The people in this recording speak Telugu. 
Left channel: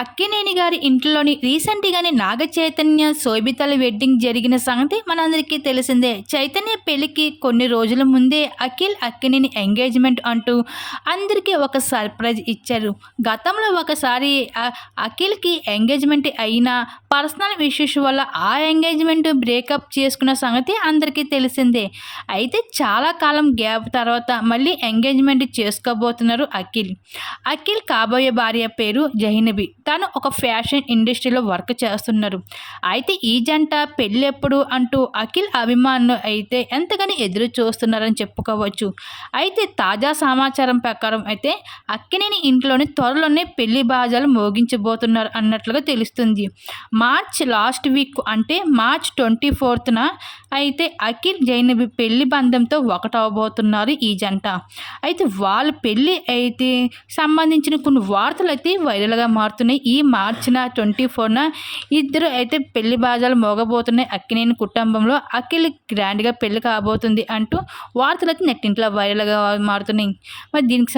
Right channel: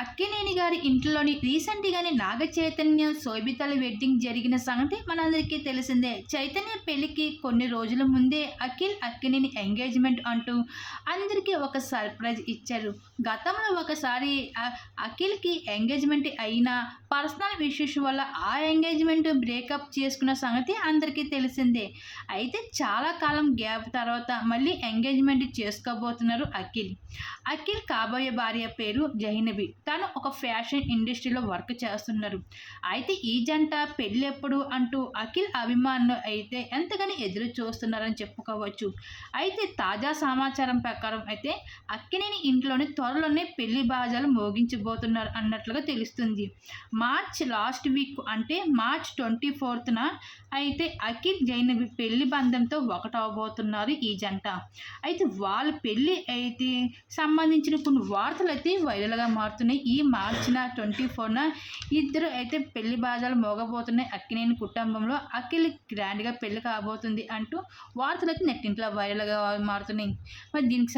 అక్కినేని గారి ఇంట్లోని రీసెంట్గానే నాగ చైతన్య శోభితల వెడ్డింగ్ జరిగిన సంగతి మనందరికీ తెలిసిందే. చైతన్య పెళ్ళికి కొన్ని రోజుల ముందే అఖిల్ అక్కినేని ఎంగేజ్మెంట్ అంటూ అందరికీ ఒక సర్ప్రైజ్ ఇచ్చారు. గతంలో ఒకసారి అఖిల్కి ఎంగేజ్మెంట్ అయినా పర్సనల్ ఇష్యూస్ వల్ల ఆ ఎంగేజ్మెంట్ బ్రేకప్ చేసుకున్న సంగతి అందరికీ తెలిసిందే. అయితే చాలా కాలం గ్యాప్ తర్వాత మళ్ళీ ఎంగేజ్మెంట్ చేసుకోబోతున్నారు అఖిల్. అఖిల్ కాబోయే భార్య పేరు జైనబి తను ఒక ఫ్యాషన్ ఇండస్ట్రీలో వర్క్ చేస్తున్నారు. అయితే ఈ జంట పెళ్ళెప్పుడు అంటూ అఖిల్ అభిమానులు అయితే ఎంతగానో ఎదురు చూస్తున్నారని చెప్పుకోవచ్చు. అయితే తాజా సమాచారం ప్రకారం అయితే అక్కినేని ఇంట్లోని త్వరలోనే పెళ్ళి బాజాలు మోగించబోతున్నారు అన్నట్లుగా తెలుస్తుంది. మార్చ్ లాస్ట్ వీక్ అంటే మార్చ్ ట్వంటీ ఫోర్త్న అయితే అఖిల్ జైనబి పెళ్ళి బంధంతో ఒకటవబోతున్నారు ఈ జంట. అయితే వాళ్ళ పెళ్ళి అయితే సంబంధించిన కొన్ని వార్తలు అయితే వైరల్గా మారుతున్నాయి. ఈ మార్చిన ట్వంటీ ఫోర్న ఇద్దరు అయితే పెళ్ళి బాజాలు మోగబోతున్నాయి. అక్కినేని కుటుంబంలో అఖిల్ గ్రాండ్గా పెళ్ళి కాబోతుంది అంటూ వార్తలు అయితే నెట్టింట్లో వైరల్గా మారుతున్నాయి. మరి దీనికి